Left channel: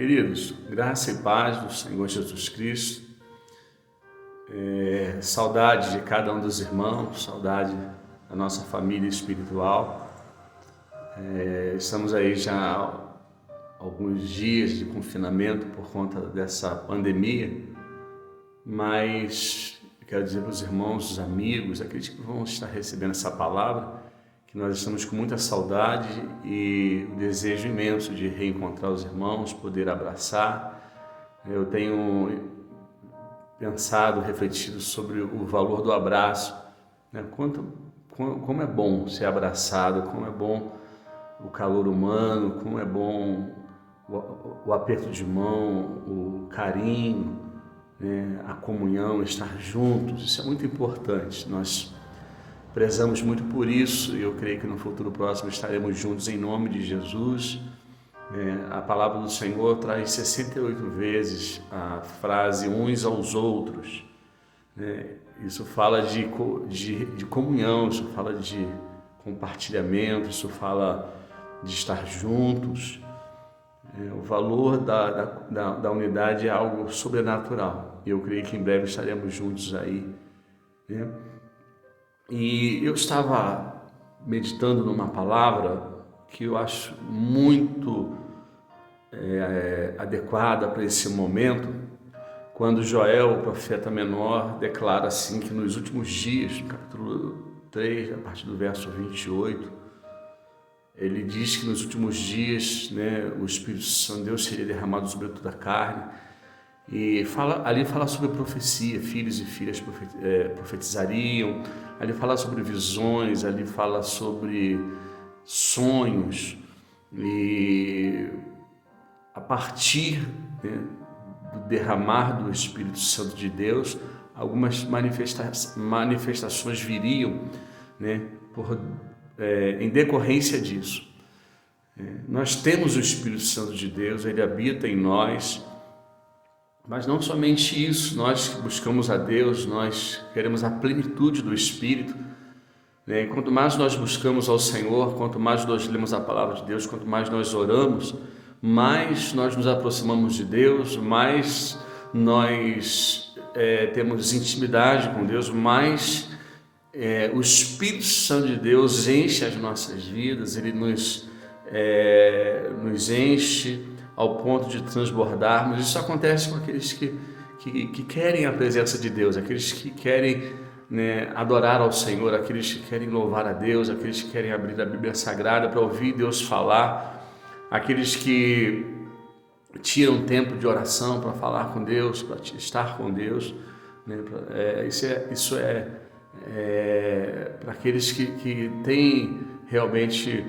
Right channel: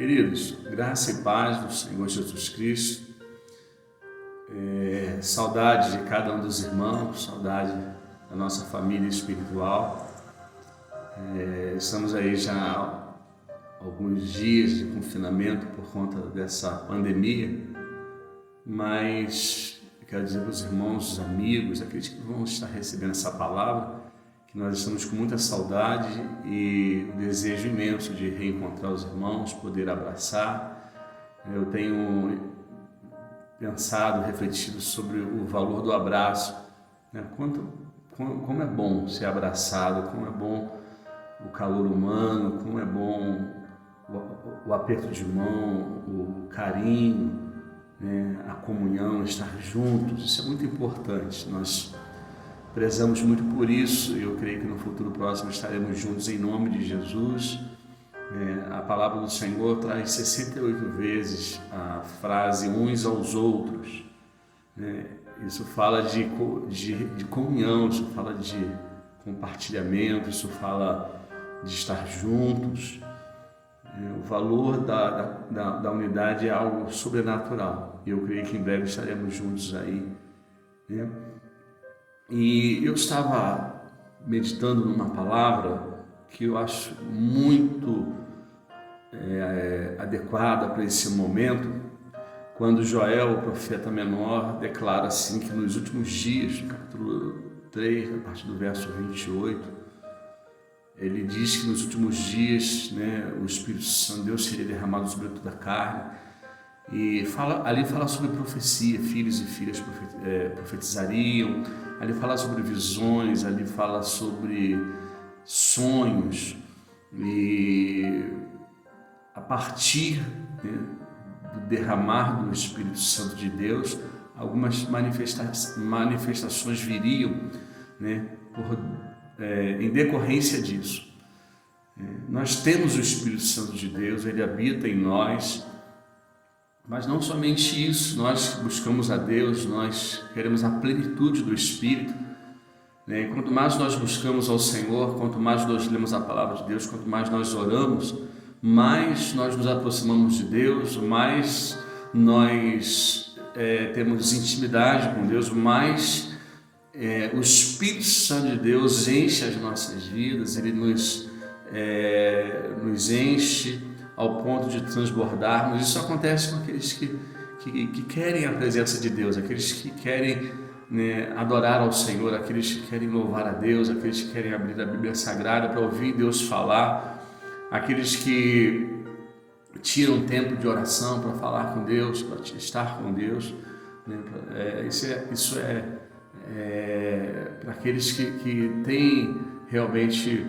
Queridos, graça e paz do Senhor Jesus Cristo, saudade de cada um dos irmãos, saudade da nossa família espiritual. Estamos aí já há alguns dias de confinamento por conta dessa pandemia, mas quero dizer para os irmãos, os amigos, aqueles que vão estar recebendo essa palavra, que nós estamos com muita saudade e um desejo imenso de reencontrar os irmãos, poder abraçar. Eu tenho pensado, refletido sobre o valor do abraço, né? Como é bom ser abraçado, como é bom o calor humano, como é bom o aperto de mão, o carinho, né? A comunhão, estar juntos, isso é muito importante. Nós prezamos muito por isso e eu creio que no futuro próximo estaremos juntos em nome de Jesus. A palavra do Senhor traz 68 vezes a frase uns aos outros. Isso fala de comunhão, isso fala de compartilhamento, isso fala de estar juntos. O valor da unidade é algo sobrenatural e eu creio que em breve estaremos juntos aí, né? E eu estava meditando numa palavra que eu acho muito adequada para esse momento, quando Joel, o profeta menor, declara assim que nos últimos dias, no capítulo 3, a partir do verso 28, ele diz que nos últimos dias, né, o Espírito Santo de Deus seria derramado sobre toda a carne. E ali fala sobre profecia, filhos e filhas profetizariam, ali fala sobre visões, ali fala sobre sonhos, e a partir, né, do derramar do Espírito Santo de Deus, algumas manifestações viriam, né, em decorrência disso. Nós temos o Espírito Santo de Deus, ele habita em nós. Mas não somente isso, nós buscamos a Deus, nós queremos a plenitude do Espírito, né? Quanto mais nós buscamos ao Senhor, quanto mais nós lemos a palavra de Deus, quanto mais nós oramos, mais nós nos aproximamos de Deus, mais nós temos intimidade com Deus, mais o Espírito Santo de Deus enche as nossas vidas, ele nos enche ao ponto de transbordarmos. Isso acontece com aqueles que querem a presença de Deus, aqueles que querem, né, adorar ao Senhor, aqueles que querem louvar a Deus, aqueles que querem abrir a Bíblia Sagrada para ouvir Deus falar, aqueles que tiram tempo de oração para falar com Deus, para estar com Deus, né? Isso é para aqueles que têm realmente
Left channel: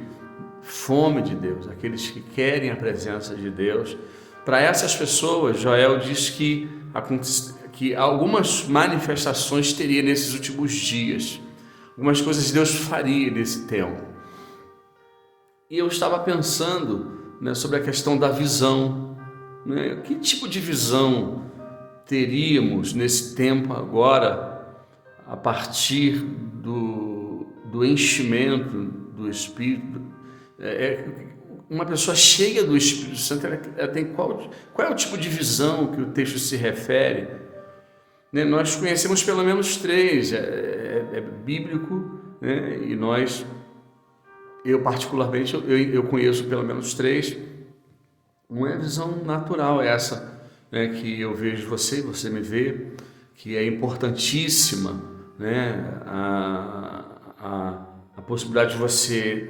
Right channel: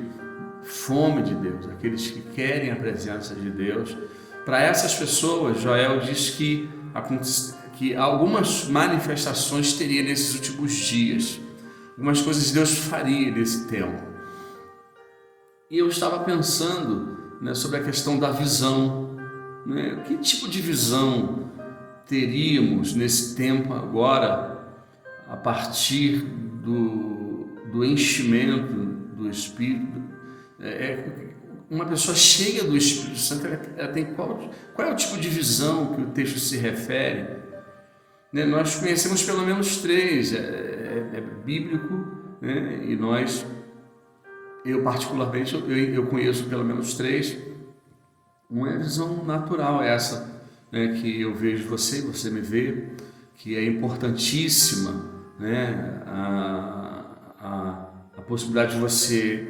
fome de Deus, aqueles que querem a presença de Deus. Para essas pessoas, Joel diz que algumas manifestações teria nesses últimos dias, algumas coisas Deus faria nesse tempo. E eu estava pensando, né, sobre a questão da visão, né? Que tipo de visão teríamos nesse tempo agora, a partir do enchimento do Espírito? Uma pessoa cheia do Espírito Santo, ela tem qual é o tipo de visão que o texto se refere? Né? Nós conhecemos pelo menos três, é bíblico, né? E eu particularmente, eu conheço pelo menos três. Uma é a visão natural, essa, né, que eu vejo você me vê, que é importantíssima, né? A possibilidade de você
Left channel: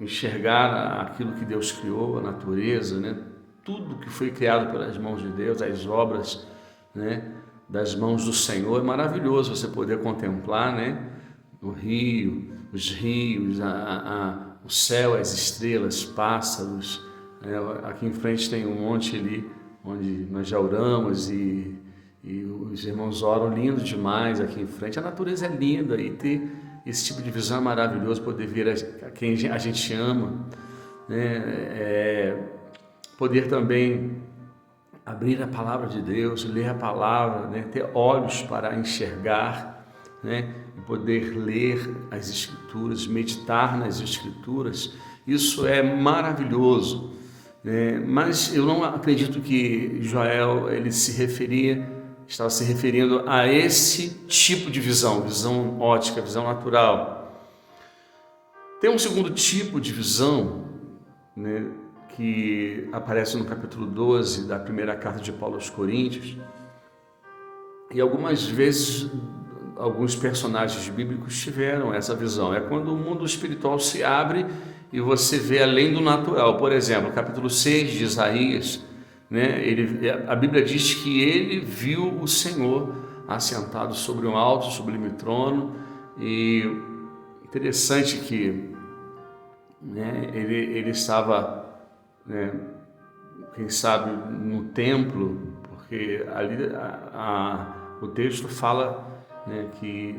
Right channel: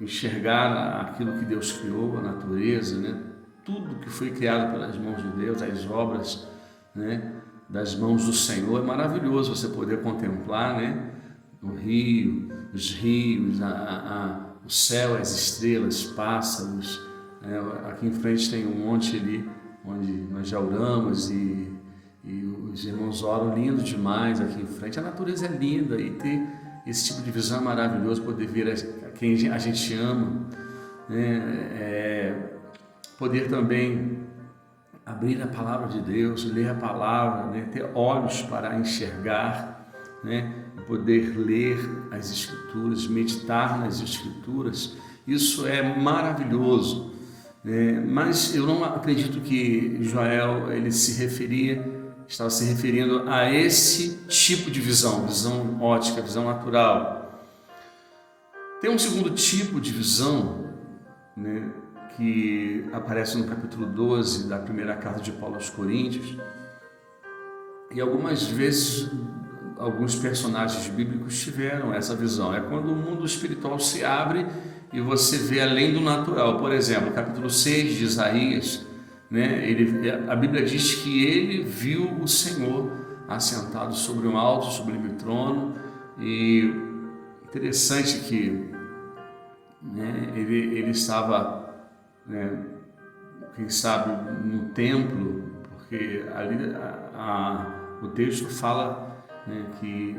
enxergar aquilo que Deus criou, a natureza, né? Tudo que foi criado pelas mãos de Deus, as obras, né, das mãos do Senhor. É maravilhoso você poder contemplar, né, o rio, os rios, o céu, as estrelas, pássaros. Aqui em frente tem um monte ali onde nós já oramos e os irmãos oram, lindo demais aqui em frente. A natureza é linda e ter esse tipo de visão é maravilhoso, poder ver a quem a gente ama, né? Poder também abrir a palavra de Deus, ler a palavra, né? Ter olhos para enxergar, né? E poder ler as Escrituras, meditar nas Escrituras. Isso é maravilhoso. Mas eu não acredito que Joel ele estava se referindo a esse tipo de visão, visão ótica, visão natural. Tem um segundo tipo de visão, né, que aparece no capítulo 12 da primeira carta de Paulo aos Coríntios, e algumas vezes alguns personagens bíblicos tiveram essa visão. É quando o mundo espiritual se abre e você vê além do natural. Por exemplo, capítulo 6 de Isaías, né, a Bíblia diz que ele viu o Senhor assentado sobre um alto, sublime trono, e interessante que, né, ele estava, né, quem sabe, no templo, porque ali o texto fala, né, que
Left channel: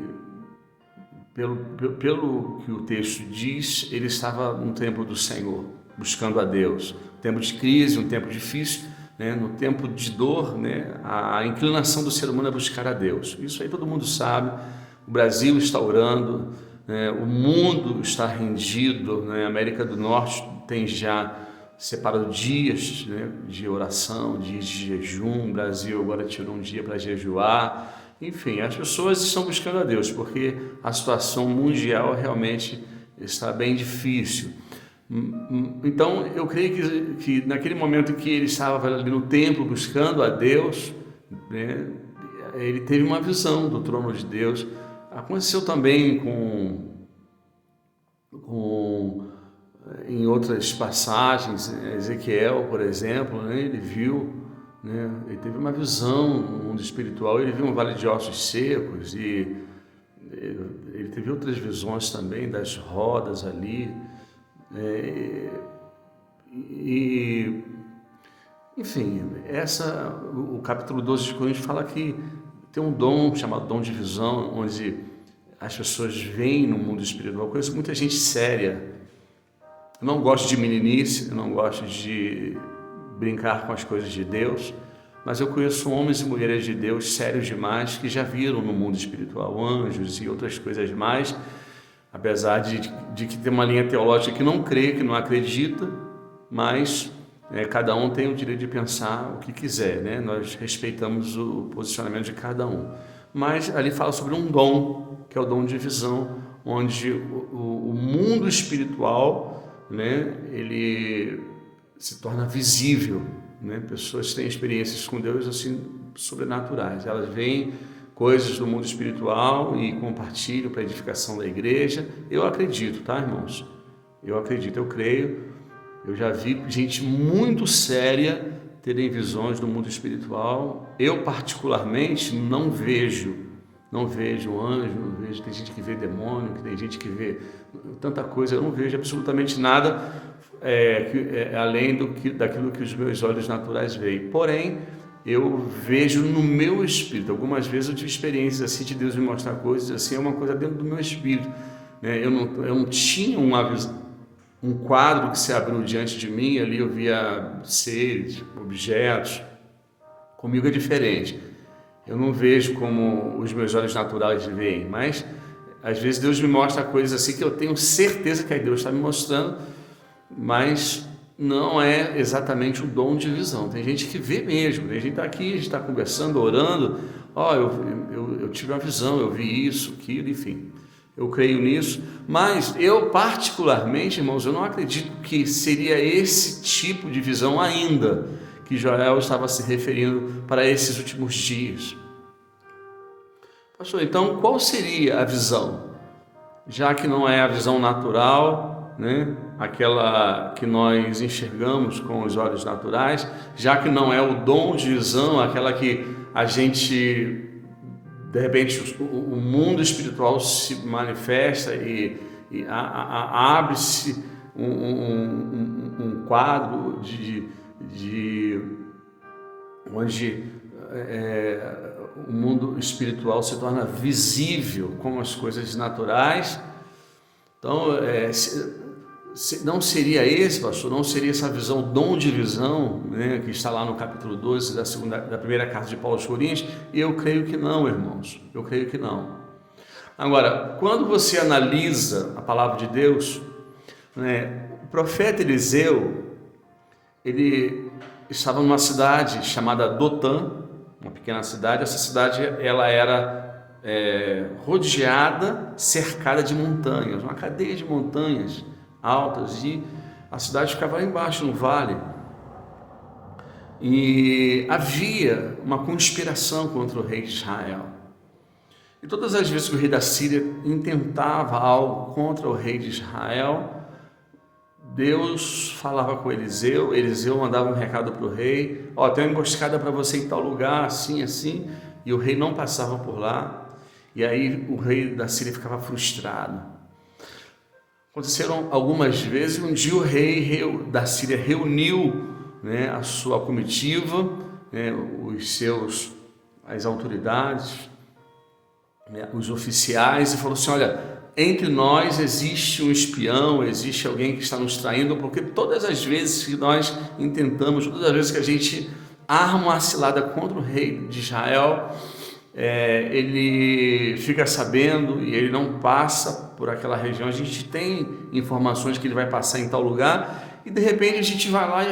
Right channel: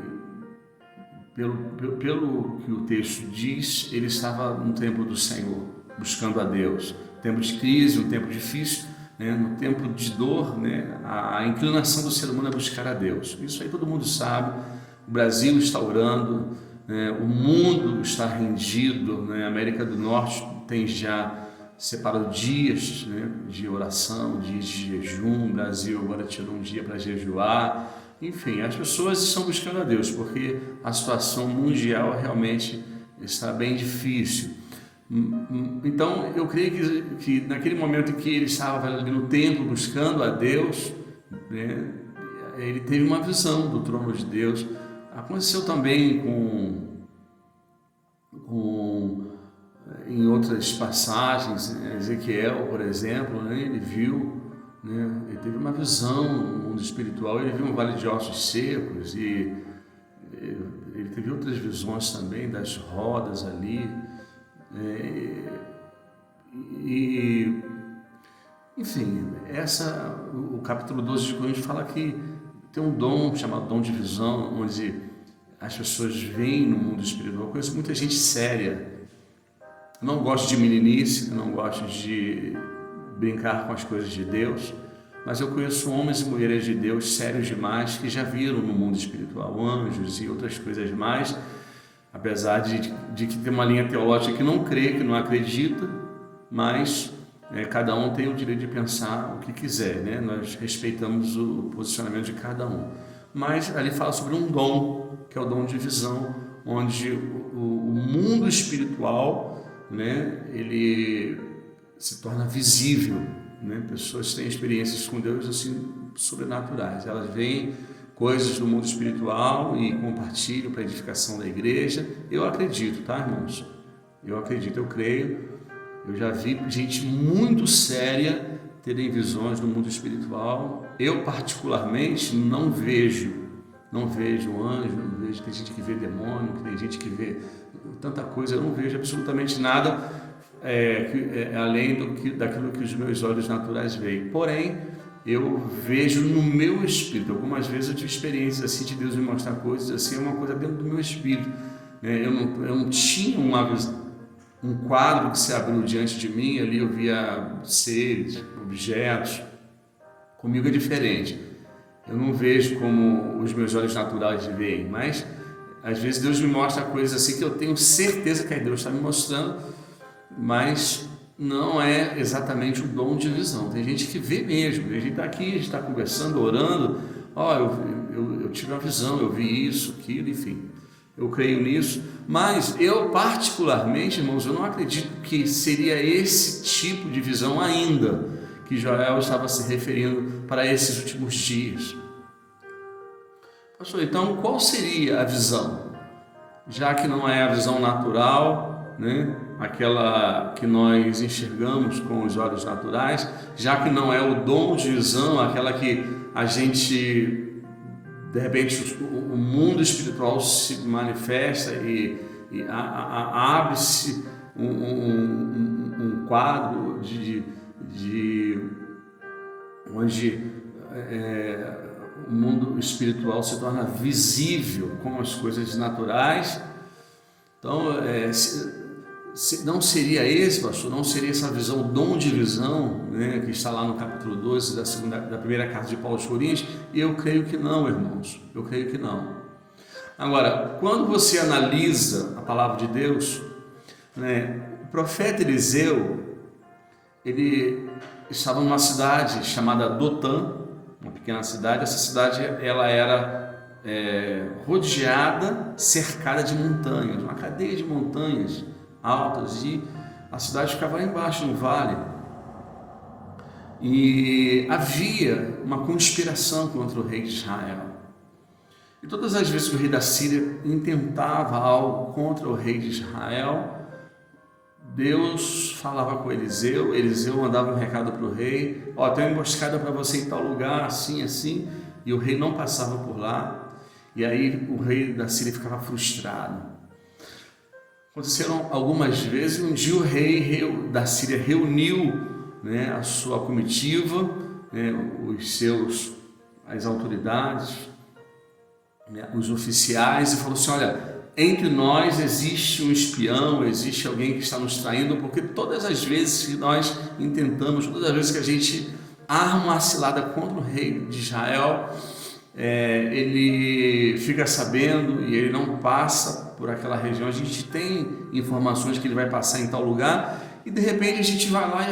pelo que o texto diz, ele estava no templo do Senhor, buscando a Deus. Um tempo de crise, um tempo difícil, né, no tempo de dor, né, a inclinação do ser humano é buscar a Deus. Isso aí todo mundo sabe. O Brasil está orando, né, o mundo está rendido, né, a América do Norte tem já separou dias, né, de oração, dias de jejum. O Brasil agora tirou um dia para jejuar. Enfim, as pessoas estão buscando a Deus, porque a situação mundial realmente está bem difícil. Então, eu creio que naquele momento em que ele estava ali no templo buscando a Deus, né, ele teve uma visão do trono de Deus. Aconteceu também em outras passagens, Ezequiel, por exemplo, né, ele viu, né, ele teve uma visão no mundo espiritual, ele viu um vale de ossos secos, e ele teve outras visões também das rodas ali, enfim, o capítulo 12 de Coríntios fala que tem um dom chamado dom de visão, onde as pessoas veem no mundo espiritual. Eu conheço muita gente séria. Eu não gosto de meninice, eu não gosto de brincar com as coisas de Deus, mas eu conheço homens e mulheres de Deus sérios demais que já viram no mundo espiritual anjos e outras coisas mais, apesar de que tem uma linha teológica que não crê, que não acredita, mas cada um tem o direito de pensar o que quiser, né? Nós respeitamos o posicionamento de cada um. Mas ali fala sobre um dom, que é o dom de visão, onde o mundo espiritual, né, ele se torna visível, né? Pessoas têm experiências com Deus assim sobrenaturais. Elas veem coisas do mundo espiritual e compartilham para a edificação da igreja. Eu acredito, tá, irmãos? Eu acredito, eu creio. Eu já vi gente muito séria terem visões do mundo espiritual. Eu particularmente não vejo anjo, não vejo, tem gente que vê demônio, tem gente que vê tanta coisa, eu não vejo absolutamente nada além daquilo que os meus olhos naturais veem. Porém, eu vejo no meu espírito. Algumas vezes eu tive experiências assim de Deus me mostrar coisas assim, é uma coisa dentro do meu espírito, né? Eu não tinha um quadro que se abriu diante de mim, ali eu via seres, objetos. Comigo é diferente. Eu não vejo como os meus olhos naturais veem, mas às vezes Deus me mostra coisas assim que eu tenho certeza que Deus está me mostrando, mas não é exatamente o dom de visão. Tem gente que vê mesmo, a gente está aqui, a gente está conversando, orando, eu tive uma visão, eu vi isso, aquilo, enfim. Eu creio nisso, mas eu particularmente, irmãos, eu não acredito que seria esse tipo de visão ainda que Joel estava se referindo para esses últimos dias. Pastor, então qual seria a visão? Já que não é a visão natural, né? Aquela que nós enxergamos com os olhos naturais, já que não é o dom de visão, aquela que a gente, de repente, o mundo espiritual se manifesta e abre-se um quadro onde o mundo espiritual se torna visível com as coisas naturais. Então, não seria esse, pastor, não seria essa visão, dom de visão, né, que está lá no capítulo 12 da primeira carta de Paulo aos Coríntios? Eu creio que não, irmãos, eu creio que não. Agora, quando você analisa a palavra de Deus, né, o profeta Eliseu, ele estava numa cidade chamada Dotã, uma pequena cidade. Essa cidade ela era rodeada, cercada de montanhas, uma cadeia de montanhas altas, e a cidade ficava lá embaixo no vale. E havia uma conspiração contra o rei de Israel. E todas as vezes que o rei da Síria intentava algo contra o rei de Israel, Deus falava com Eliseu, Eliseu mandava um recado para o rei: ó, tem uma emboscada para você em tal lugar, assim, assim, e o rei não passava por lá, e aí o rei da Síria ficava frustrado. Aconteceram algumas vezes. Um dia o rei da Síria reuniu, né, a sua comitiva, né, as autoridades, né, os oficiais, e falou assim: olha, entre nós existe um espião, existe alguém que está nos traindo, porque todas as vezes que nós intentamos, todas as vezes que a gente arma uma cilada contra o rei de Israel, ele fica sabendo e ele não passa por aquela região. A gente tem informações que ele vai passar em tal lugar, e de repente a gente vai lá e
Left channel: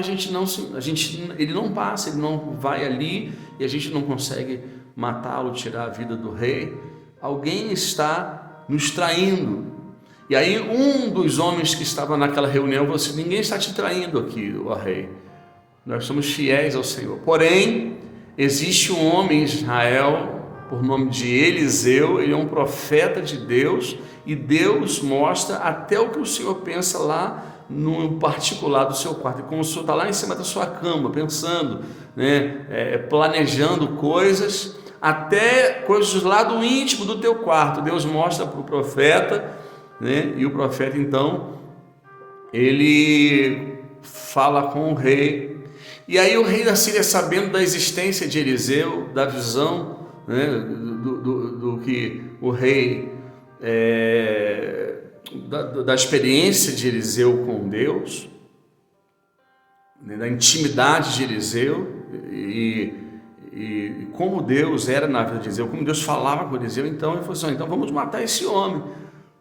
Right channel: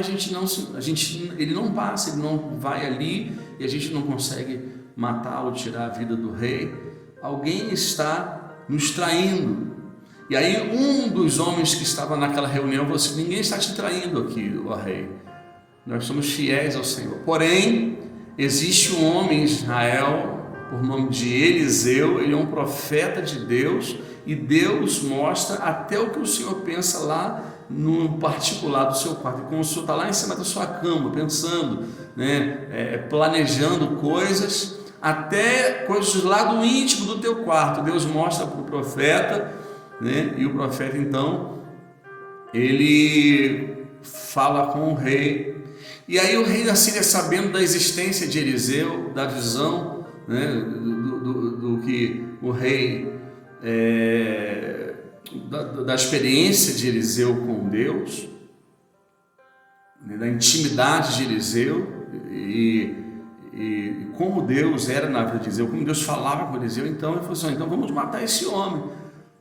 ele não passa, ele não vai ali, e a gente não consegue matá-lo, tirar a vida do rei. Alguém está nos traindo. E aí um dos homens que estava naquela reunião falou assim: ninguém está te traindo aqui, ó rei, nós somos fiéis ao Senhor. Porém, existe um homem em Israel por nome de Eliseu, ele é um profeta de Deus, e Deus mostra até o que o Senhor pensa lá no particular do seu quarto. E como o Senhor está lá em cima da sua cama, pensando, né, planejando coisas, até coisas lá do íntimo do teu quarto, Deus mostra para o profeta, né? E o profeta então, ele fala com o rei. E aí o rei da Síria, sabendo da existência de Eliseu, da visão, né, do que o rei, da experiência de Eliseu com Deus, né, da intimidade de Eliseu, e como Deus era na vida de Eliseu, como Deus falava com Eliseu, então ele falou assim: então vamos matar esse homem,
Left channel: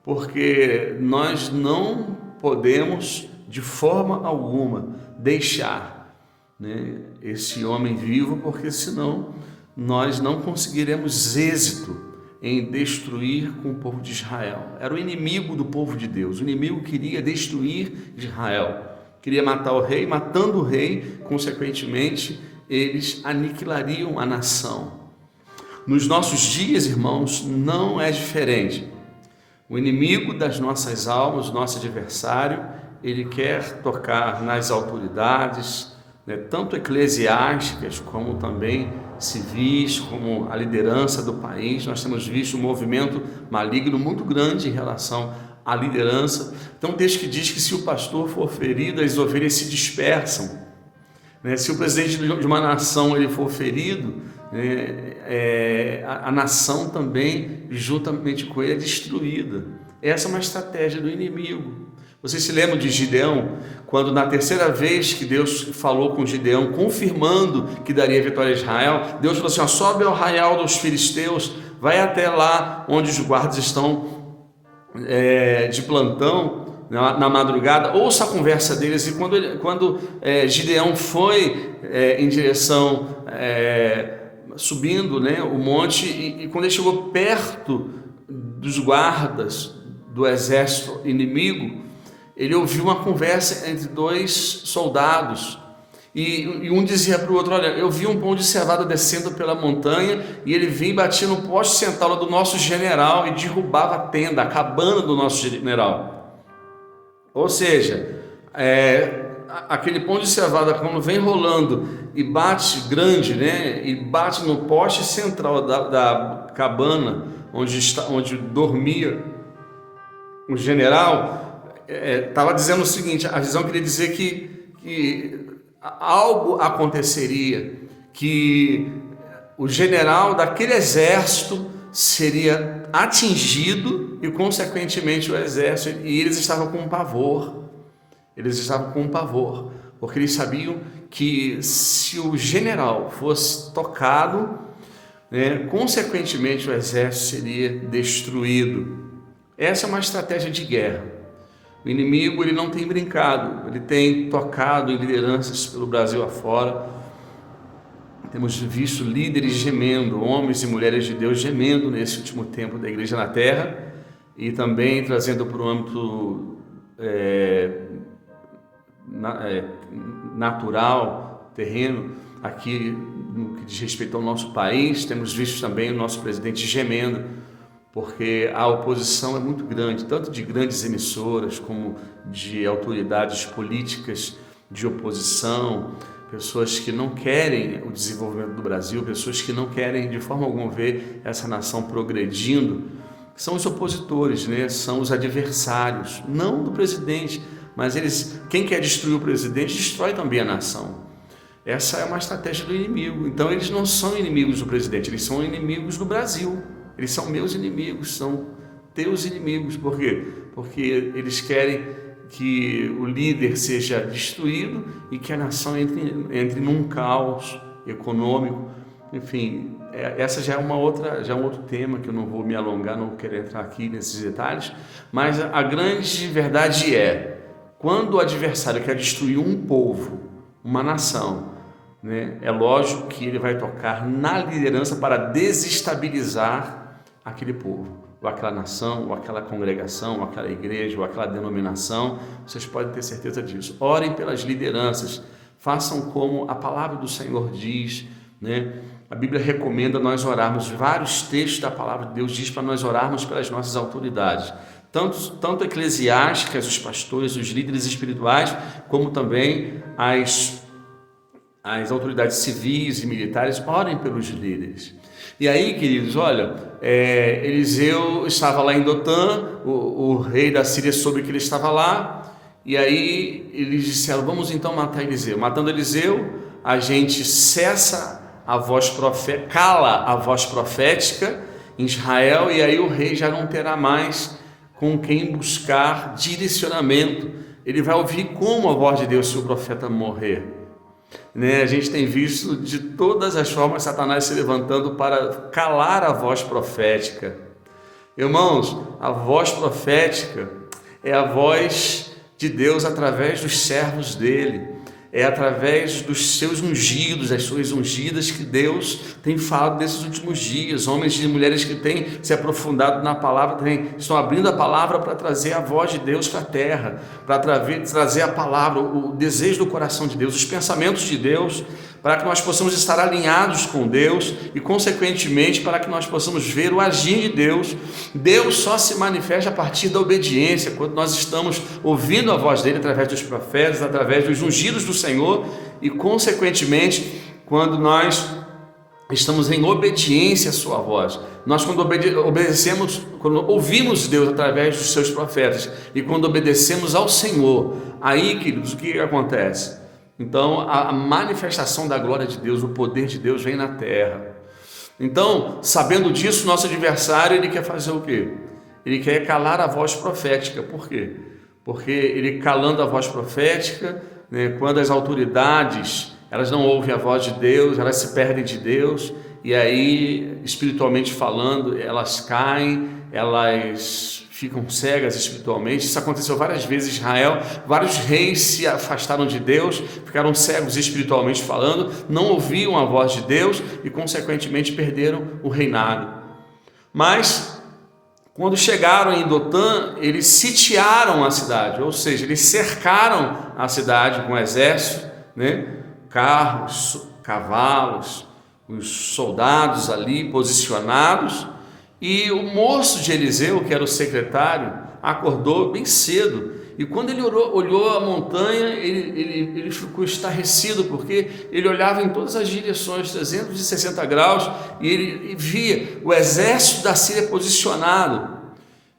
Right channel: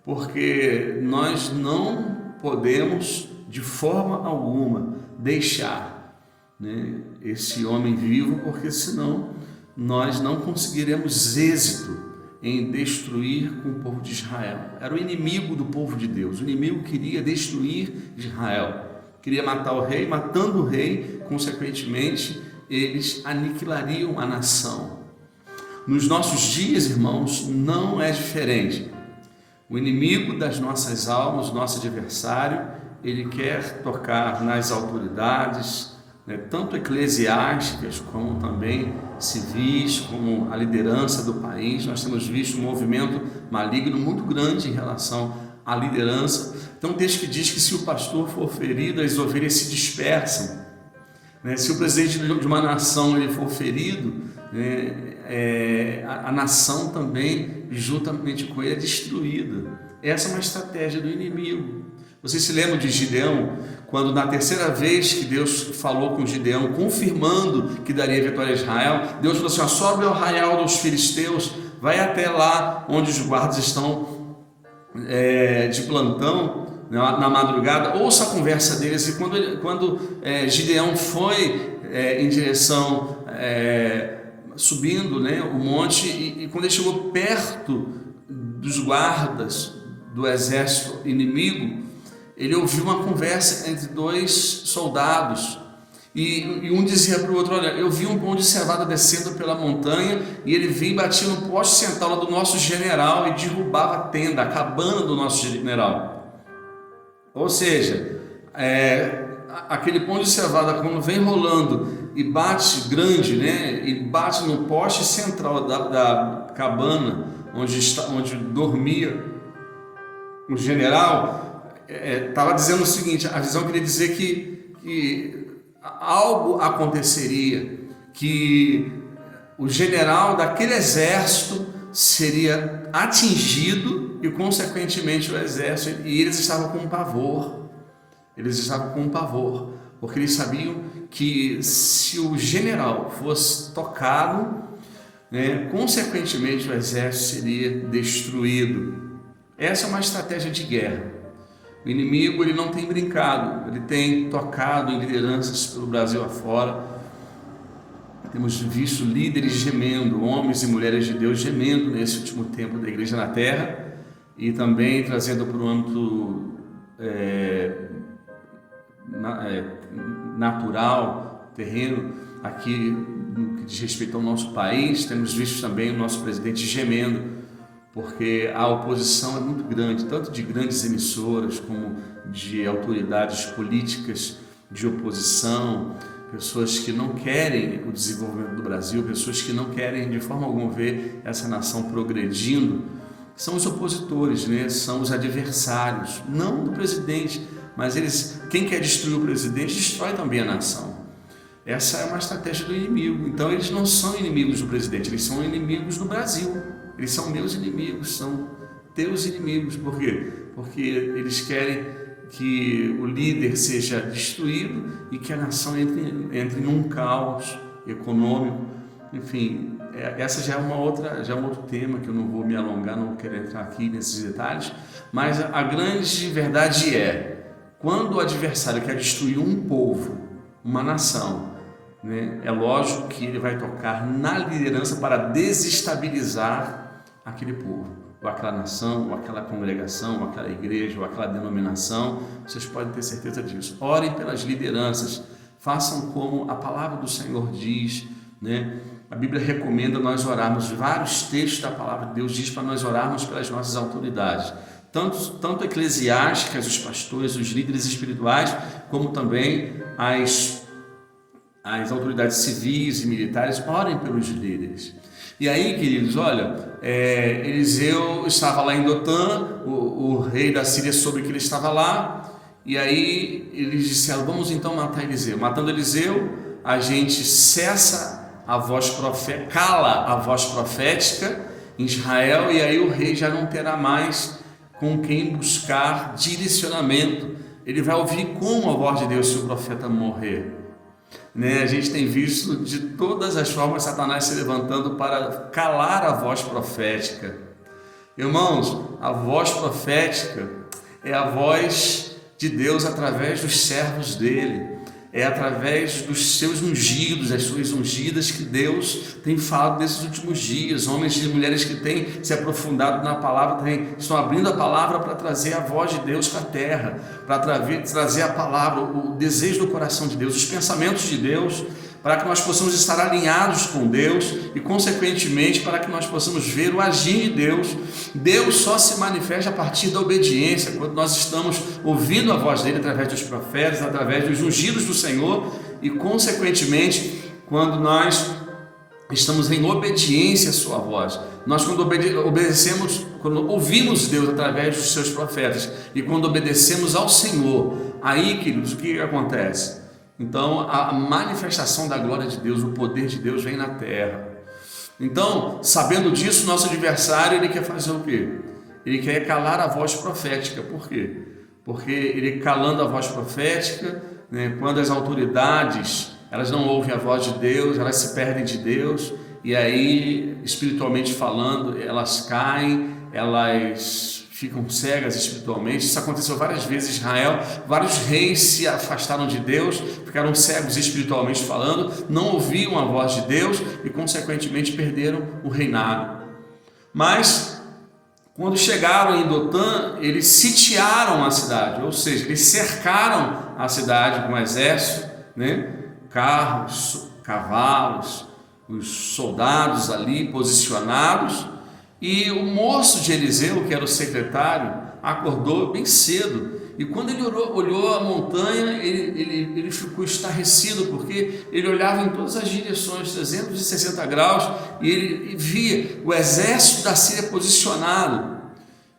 porque nós não podemos de forma alguma deixar, né, esse homem vivo, porque senão nós não conseguiremos êxito em destruir com o povo de Israel. Era o inimigo do povo de Deus. O inimigo queria destruir Israel, queria matar o rei. Matando o rei, consequentemente, eles aniquilariam a nação. Nos nossos dias, irmãos, não é diferente. O inimigo das nossas almas, nosso adversário, ele quer tocar nas autoridades, né, tanto eclesiásticas como também civis, como a liderança do país. Nós temos visto um movimento maligno muito grande em relação à liderança. Então, desde que diz que se o pastor for ferido, as ovelhas se dispersam, né? Se o presidente de uma nação ele for ferido, né, a nação também, juntamente com ele, é destruída. Essa é uma estratégia do inimigo. Vocês se lembram de Gideão, quando na terceira vez que Deus falou com Gideão, confirmando que daria vitória a Israel, Deus falou assim: ó, sobe ao arraial dos filisteus, vai até lá onde os guardas estão de plantão, na madrugada, ouça a conversa deles. E quando Gideão foi em direção, subindo, né, o monte, e quando ele chegou perto dos guardas do exército inimigo, ele ouviu uma conversa entre dois soldados, e um dizia para o outro: olha, eu vi um pão de cevada descendo pela montanha, e ele vinha e batia no poste central do nosso general e derrubava a tenda, a cabana do nosso general. Ou seja, aquele pão de cevada, quando vem rolando e bate grande, né, e bate no poste central da cabana onde dormia o general, estava dizendo o seguinte: a visão queria dizer que algo aconteceria, que o general daquele exército seria atingido e consequentemente o exército, e eles estavam com pavor, porque eles sabiam que se o general fosse tocado, né, consequentemente o exército seria destruído. Essa é uma estratégia de guerra. O inimigo, ele não tem brincado, ele tem tocado em lideranças pelo Brasil afora. Temos visto líderes gemendo, homens e mulheres de Deus gemendo nesse último tempo da igreja na terra, e também trazendo para o âmbito natural, terreno, aqui no que diz respeito ao nosso país. Temos visto também o nosso presidente gemendo, porque a oposição é muito grande, tanto de grandes emissoras como de autoridades políticas de oposição, pessoas que não querem o desenvolvimento do Brasil, pessoas que não querem de forma alguma ver essa nação progredindo. São os opositores, né? São os adversários, não do presidente, mas quem quer destruir o presidente, destrói também a nação. Essa é uma estratégia do inimigo. Então eles não são inimigos do presidente, eles são inimigos do Brasil. Eles são meus inimigos, são teus inimigos. Por quê? Porque eles querem que o líder seja destruído e que a nação entre num caos econômico. Enfim, essa já é um outro tema que eu não vou me alongar, não quero entrar aqui nesses detalhes, mas a grande verdade é, quando o adversário quer destruir um povo, uma nação, né, é lógico que ele vai tocar na liderança para desestabilizar aquele povo, ou aquela nação, ou aquela congregação, ou aquela igreja, ou aquela denominação. Vocês podem ter certeza disso. Orem pelas lideranças, façam como a palavra do Senhor diz, né? A Bíblia recomenda nós orarmos, vários textos da palavra de Deus diz para nós orarmos pelas nossas autoridades, tanto eclesiásticas, os pastores, os líderes espirituais, como também as autoridades civis e militares. Orem pelos líderes. E aí, queridos, olha, Eliseu estava lá em Dotã, o rei da Síria soube que ele estava lá, e aí eles disseram, vamos então matar Eliseu. Matando Eliseu, a gente cala a voz profética em Israel, e aí o rei já não terá mais com quem buscar direcionamento. Ele vai ouvir como a voz de Deus se o profeta morrer. A gente tem visto de todas as formas Satanás se levantando para calar a voz profética. Irmãos, a voz profética é a voz de Deus através dos servos dele, é através dos seus ungidos, as suas ungidas, que Deus tem falado nesses últimos dias. Homens e mulheres que têm se aprofundado na palavra, estão abrindo a palavra para trazer a voz de Deus para a terra, para trazer a palavra, o desejo do coração de Deus, os pensamentos de Deus, para que nós possamos estar alinhados com Deus e, consequentemente, para que nós possamos ver o agir de Deus. Deus só se manifesta a partir da obediência, quando nós estamos ouvindo a voz dele através dos profetas, através dos ungidos do Senhor e, consequentemente, quando nós estamos em obediência à sua voz. Nós, quando quando ouvimos Deus através dos seus profetas e quando obedecemos ao Senhor, aí, queridos, o que acontece? Então, a manifestação da glória de Deus, o poder de Deus vem na terra. Então, sabendo disso, nosso adversário, ele quer fazer o quê? Ele quer calar a voz profética. Por quê? Porque ele calando a voz profética, quando as autoridades, elas não ouvem a voz de Deus, elas se perdem de Deus, e aí, espiritualmente falando, elas caem, elas ficam cegas espiritualmente. Isso aconteceu várias vezes em Israel, vários reis se afastaram de Deus, ficaram cegos espiritualmente falando, não ouviam a voz de Deus e, consequentemente, perderam o reinado. Mas, quando chegaram em Dotã, eles sitiaram a cidade, ou seja, eles cercaram a cidade com um exército, carros, cavalos, os soldados ali posicionados. E o moço de Eliseu, que era o secretário, acordou bem cedo. E quando ele olhou a montanha, ele ficou estarrecido, porque ele olhava em todas as direções, 360 graus, e ele via o exército da Síria posicionado.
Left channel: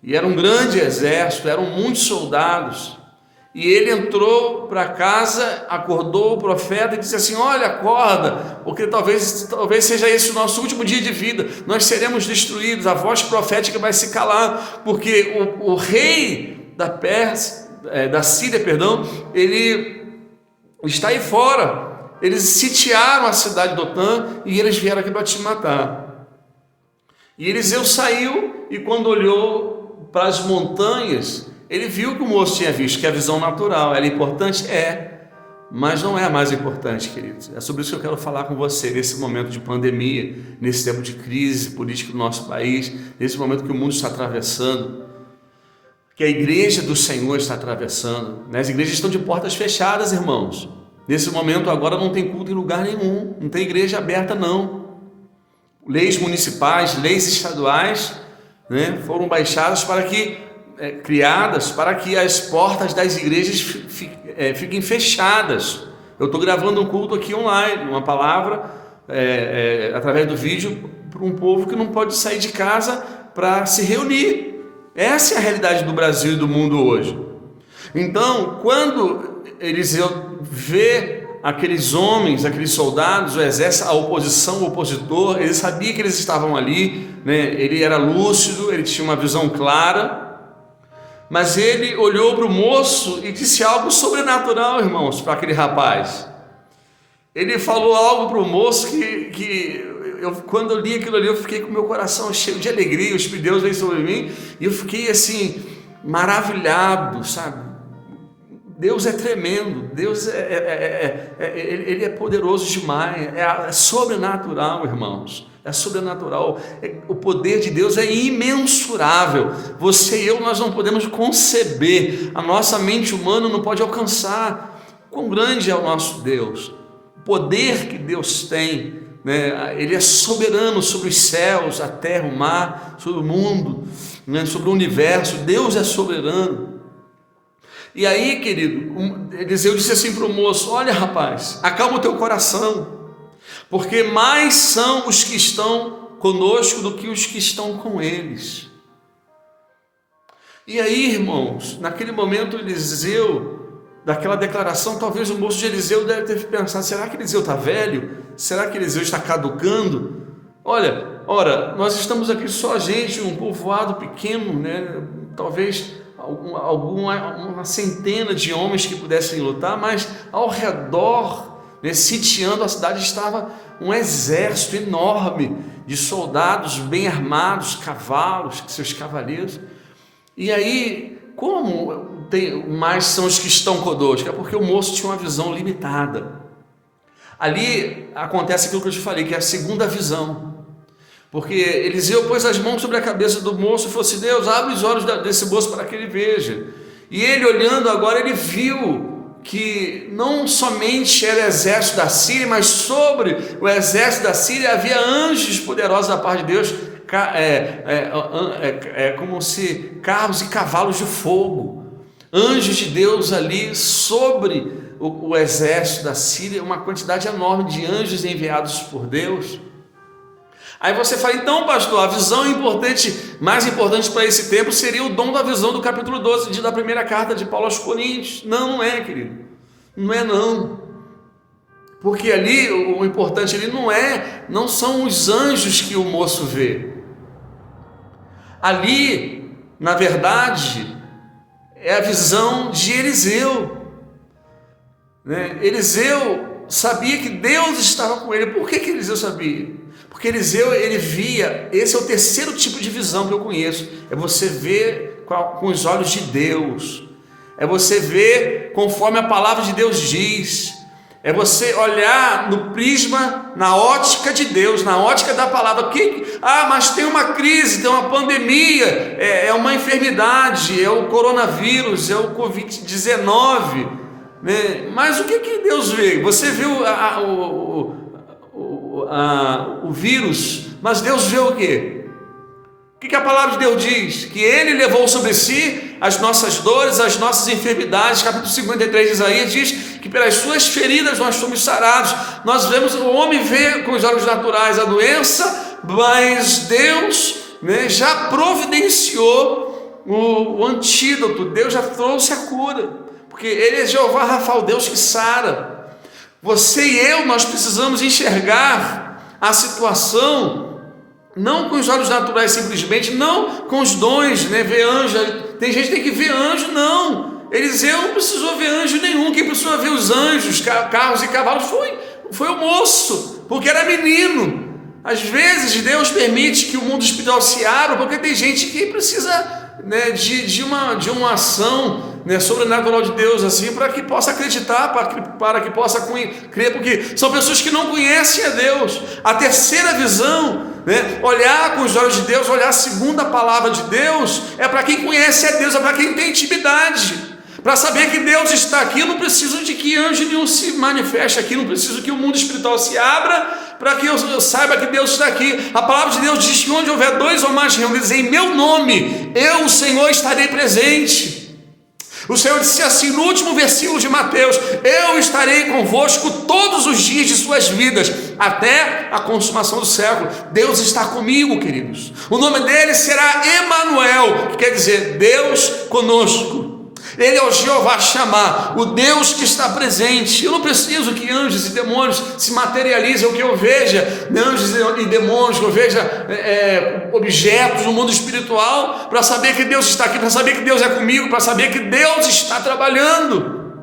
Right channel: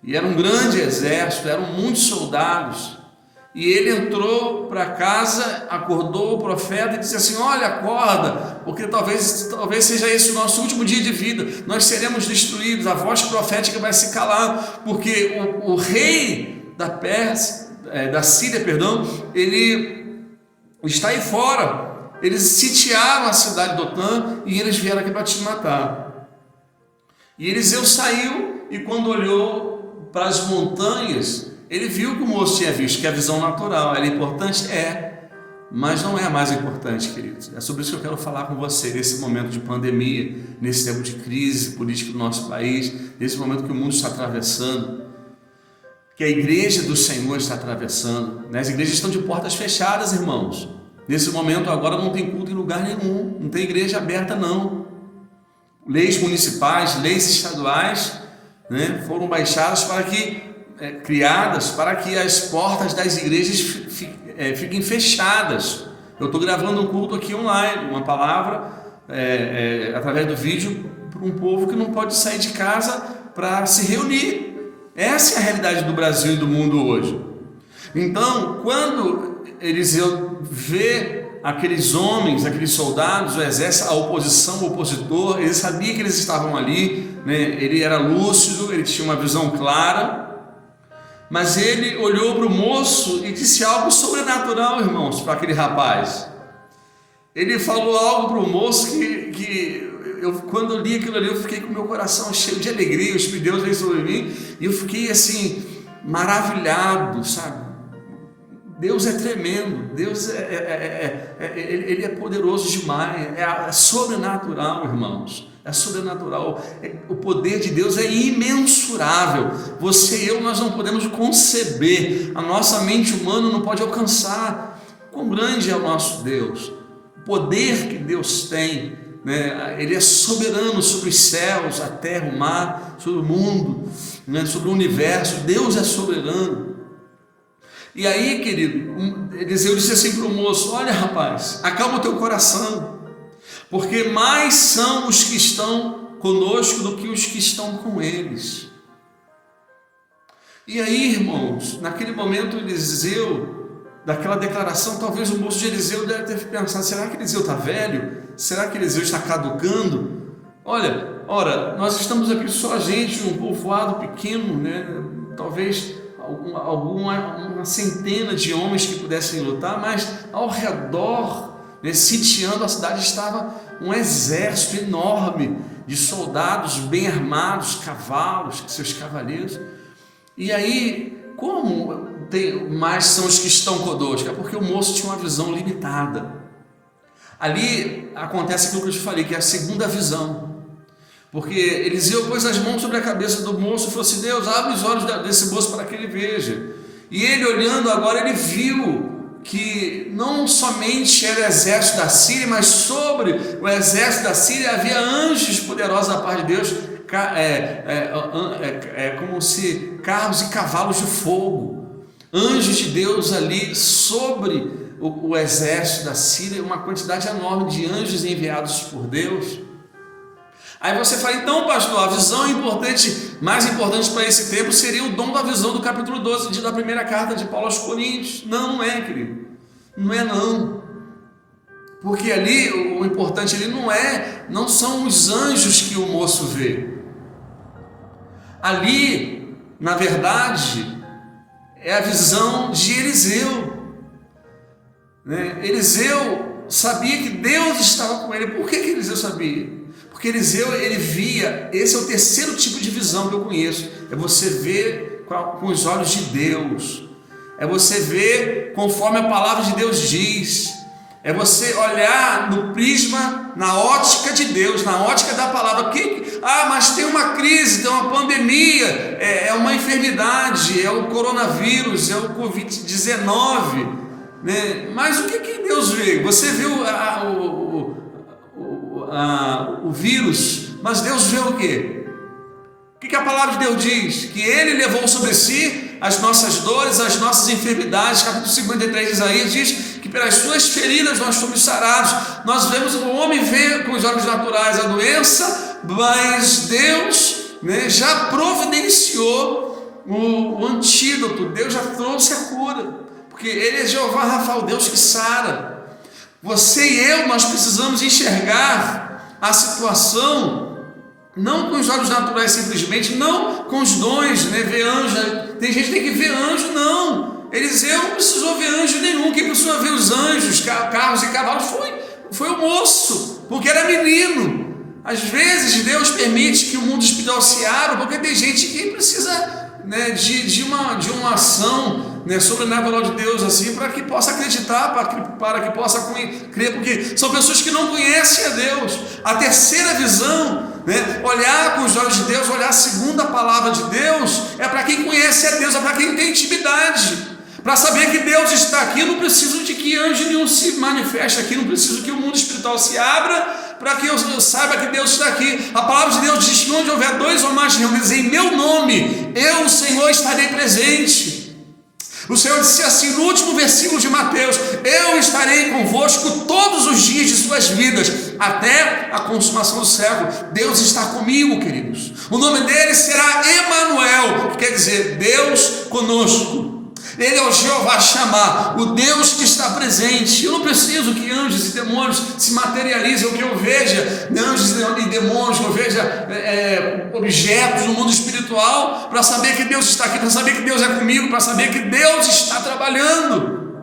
E era um grande exército, eram muitos soldados. E ele entrou para casa, acordou o profeta e disse assim: olha, acorda, porque talvez seja esse o nosso último dia de vida, nós seremos destruídos, a voz profética vai se calar, porque o rei da Síria, ele está aí fora. Eles sitiaram a cidade de Dotã e eles vieram aqui para te matar. E Eliseu saiu, e quando olhou para as montanhas, Ele viu que o moço tinha visto, que a visão natural era importante? É, mas não é a mais importante, queridos. É sobre isso que eu quero falar com você, nesse momento de pandemia, nesse tempo de crise política do nosso país, nesse momento que o mundo está atravessando, que a igreja do Senhor está atravessando, né? As igrejas estão de portas fechadas, irmãos. Nesse momento agora não tem culto em lugar nenhum, não tem igreja aberta não. Leis municipais, leis estaduais, né, foram baixadas para que criadas para que as portas das igrejas fiquem fechadas. Eu estou gravando um culto aqui online, uma palavra através do vídeo para um povo que não pode sair de casa para se reunir. Essa é a realidade do Brasil e do mundo hoje. Então, quando Eliseu vê aqueles homens, aqueles soldados, o exército, a oposição, o opositor, ele sabia que eles estavam ali, né? Ele era lúcido, ele tinha uma visão clara, mas ele olhou para o moço e disse algo sobrenatural, irmãos, para aquele rapaz. Ele falou algo para o moço quando eu li aquilo ali, eu fiquei com o meu coração cheio de alegria, o Espírito de Deus veio sobre mim, e eu fiquei assim, maravilhado, sabe? Deus é tremendo, Deus Ele é poderoso demais, é sobrenatural, irmãos. É sobrenatural, o poder de Deus é imensurável. Você e eu, nós não podemos conceber, a nossa mente humana não pode alcançar. Quão grande é o nosso Deus, o poder que Deus tem, né? Ele é soberano sobre os céus, a terra, o mar, sobre o mundo, né? Sobre o universo. Deus é soberano. E aí, querido, Eliseu disse assim para o moço: olha, rapaz, acalma o teu coração, porque mais são os que estão conosco do que os que estão com eles. E aí, irmãos, naquele momento Eliseu, daquela declaração, talvez o moço de Eliseu deve ter pensado: será que Eliseu está velho? Será que Eliseu está caducando? Ora, nós estamos aqui só a gente, um povoado pequeno, né? Talvez uma centena de homens que pudessem lutar, mas ao redor, né, sitiando a cidade, estava um exército enorme de soldados bem armados, cavalos, seus cavaleiros. E aí, como mais são os que estão conosco? É porque o moço tinha uma visão limitada. Ali acontece aquilo que eu te falei, que é a segunda visão. Porque Eliseu pôs as mãos sobre a cabeça do moço e falou assim: Deus, abre os olhos desse moço para que ele veja. E ele, olhando agora, ele viu que não somente era o exército da Síria, mas sobre o exército da Síria havia anjos poderosos da parte de Deus, como se carros e cavalos de fogo, anjos de Deus ali sobre o exército da Síria, uma quantidade enorme de anjos enviados por Deus. Aí você fala: então, pastor, a visão importante, mais importante para esse tempo seria o dom da visão do capítulo 12 da primeira carta de Paulo aos Coríntios. Não é, querido, não é não, porque ali o importante ali não são os anjos que o moço vê. Ali, na verdade, é a visão de Eliseu, né? Eliseu sabia que Deus estava com ele. Por que Eliseu sabia? Porque Eliseu, ele via, esse é o terceiro tipo de visão que eu conheço, é você ver com os olhos de Deus, é você ver conforme a palavra de Deus diz, é você olhar no prisma, na ótica de Deus, na ótica da palavra. Mas tem uma crise, tem uma pandemia, é uma enfermidade, é o coronavírus, é o Covid-19, né? Mas o que Deus vê? Você vê o vírus, mas Deus vê o quê? O que a palavra de Deus diz? Que Ele levou sobre si as nossas dores, as nossas enfermidades. Capítulo 53 de Isaías diz que pelas suas feridas nós fomos sarados. Nós vemos, o homem vê com os olhos naturais a doença, mas Deus, né, já providenciou o antídoto. Deus já trouxe a cura, porque Ele é Jeová Rafa, o Deus que sara. Você e eu, nós precisamos enxergar a situação não com os olhos naturais simplesmente, não com os dons, né? Ver anjo, tem gente que tem que ver anjo, não. Eliseu não precisou ver anjo nenhum. Quem precisou ver os anjos, carros e cavalos foi o moço, porque era menino. Às vezes Deus permite que o mundo espiritual se abra, porque tem gente que precisa né, de uma ação, né, sobrenatural de Deus, assim, para que possa acreditar, para que possa crer, porque são pessoas que não conhecem a Deus. A terceira visão, né, olhar com os olhos de Deus, olhar segundo a palavra de Deus, é para quem conhece a Deus, é para quem tem intimidade. Para saber que Deus está aqui, eu não preciso de que anjo nenhum se manifeste aqui, não preciso que o mundo espiritual se abra para que eu saiba que Deus está aqui. A palavra de Deus diz que onde houver dois ou mais reunidos em meu nome, eu, o Senhor, estarei presente. O Senhor disse assim no último versículo de Mateus: eu estarei convosco todos os dias de suas vidas, até a consumação do século. Deus está comigo, queridos. O nome dele será Emanuel, que quer dizer Deus conosco. Ele é o Jeová Shammah, o Deus que está presente. Eu não preciso que anjos e demônios se materializem, ou que eu veja anjos e demônios, que eu veja objetos no mundo espiritual, para saber que Deus está aqui, para saber que Deus é comigo, para saber que Deus está trabalhando.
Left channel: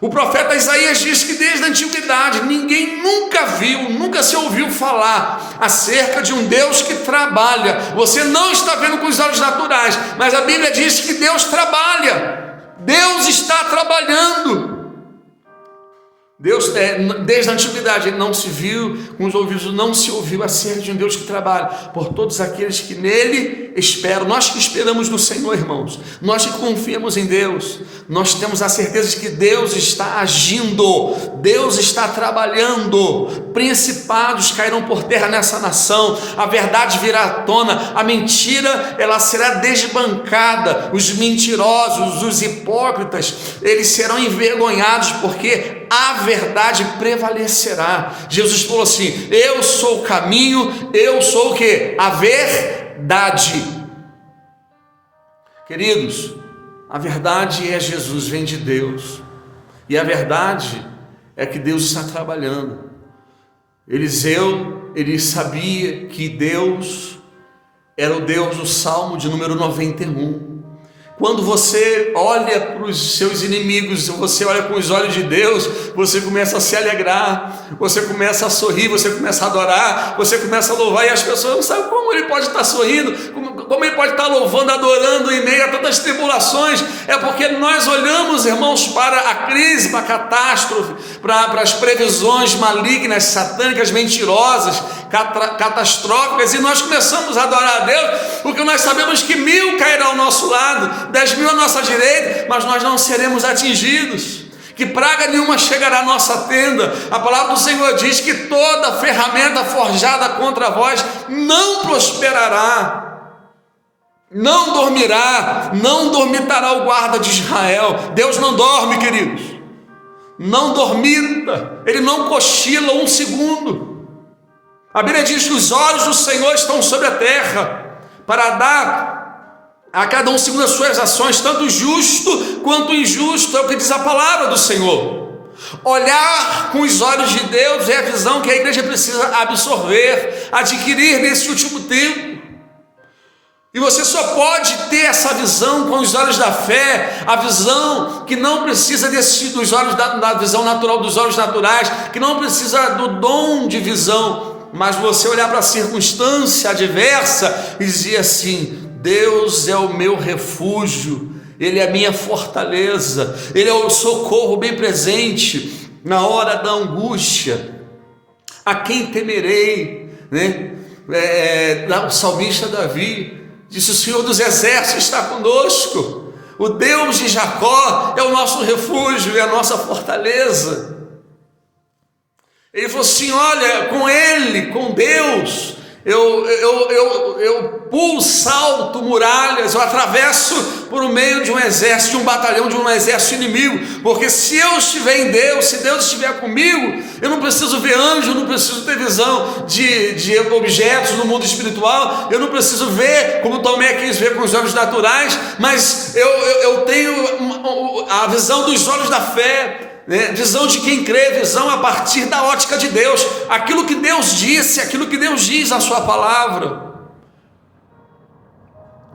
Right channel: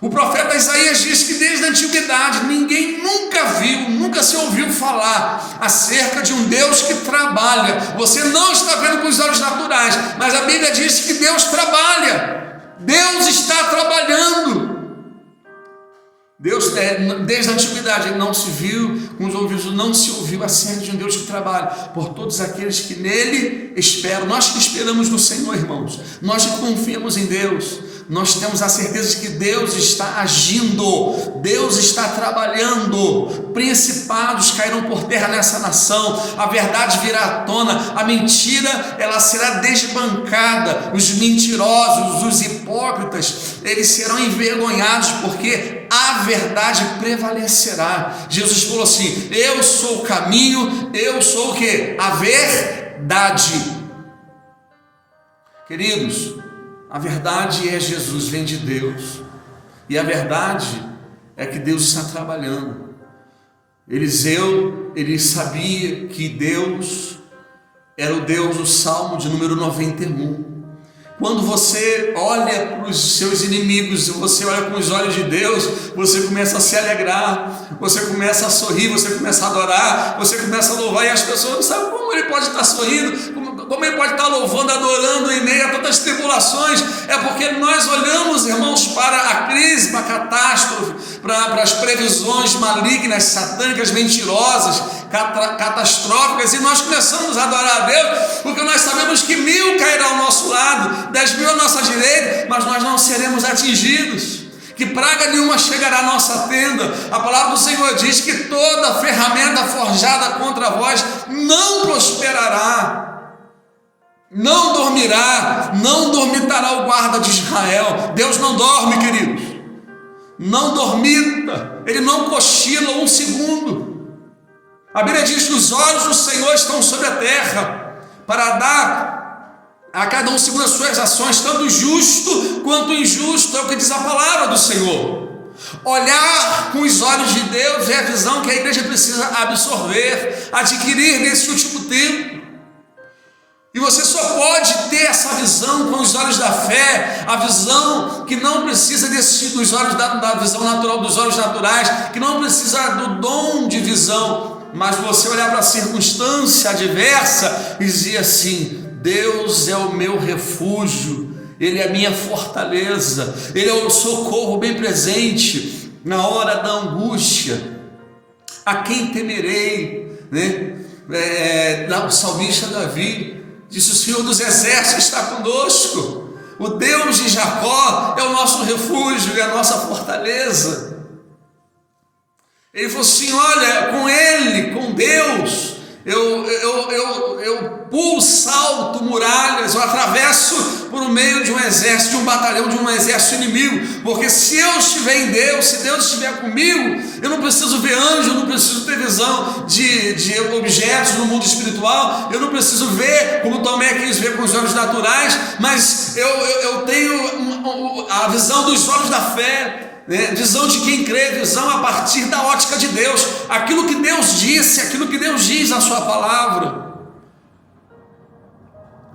O profeta Isaías diz que desde a antiguidade ninguém nunca viu, nunca se ouviu falar acerca de um Deus que trabalha. Você não está vendo com os olhos naturais, mas a Bíblia diz que Deus trabalha. Deus está trabalhando. Deus, desde a antiguidade, não se viu, com os ouvidos não se ouviu acerca de um Deus que trabalha por todos aqueles que nele esperam. Nós que esperamos no Senhor, irmãos, nós que confiamos em Deus, nós temos a certeza de que Deus está agindo, Deus está trabalhando. Principados cairão por terra nessa nação, a verdade virá à tona, a mentira ela será desbancada, os mentirosos, os hipócritas, eles serão envergonhados, porque a verdade prevalecerá. Jesus falou assim: eu sou o caminho, eu sou o que? A verdade. Queridos, a verdade é Jesus, vem de Deus, e a verdade é que Deus está trabalhando. Eliseu, ele sabia que Deus era o Deus do Salmo de número 91. Quando você olha para os seus inimigos, você olha com os olhos de Deus, você começa a se alegrar, você começa a sorrir, você começa a adorar, você começa a louvar, e as pessoas não sabem como ele pode estar sorrindo, como ele pode estar louvando, adorando em meio a tantas tribulações. É porque nós olhamos, irmãos, para a crise, para a catástrofe, para as previsões malignas, satânicas, mentirosas, catastróficas, e nós começamos a adorar a Deus, porque nós sabemos que 1000 cairão ao nosso lado, 10.000 à nossa direita, mas nós não seremos atingidos, que praga nenhuma chegará à nossa tenda. A palavra do Senhor diz que toda ferramenta forjada contra vós não prosperará, não dormirá, não dormitará o guarda de Israel. Deus não dorme, queridos, não dormita, ele não cochila um segundo. A Bíblia diz que os olhos do Senhor estão sobre a terra, para dar a cada um segundo as suas ações, tanto o justo quanto o injusto, é o que diz a palavra do Senhor. Olhar com os olhos de Deus é a visão que a igreja precisa absorver, adquirir nesse último tempo. E você só pode ter essa visão com os olhos da fé, a visão que não precisa dos olhos da visão natural, dos olhos naturais, que não precisa do dom de visão, mas você olhar para a circunstância adversa e dizer assim: Deus é o meu refúgio, Ele é a minha fortaleza, Ele é o socorro bem presente na hora da angústia. A quem temerei, né? O salmista Davi disse: o Senhor dos exércitos está conosco, o Deus de Jacó é o nosso refúgio e a nossa fortaleza. Ele falou assim: olha, com Ele, com Deus, eu pulo, salto muralhas, eu atravesso por meio de um exército, de um batalhão, de um exército inimigo, porque se eu estiver em Deus, se Deus estiver comigo, eu não preciso ver anjo, eu não preciso ter visão de objetos no mundo espiritual, eu não preciso ver como Tomé quis ver com os olhos naturais, mas eu tenho a visão dos olhos da fé, né? Visão de quem crê, visão a partir da ótica de Deus, aquilo que Deus disse, aquilo que Deus diz na sua palavra.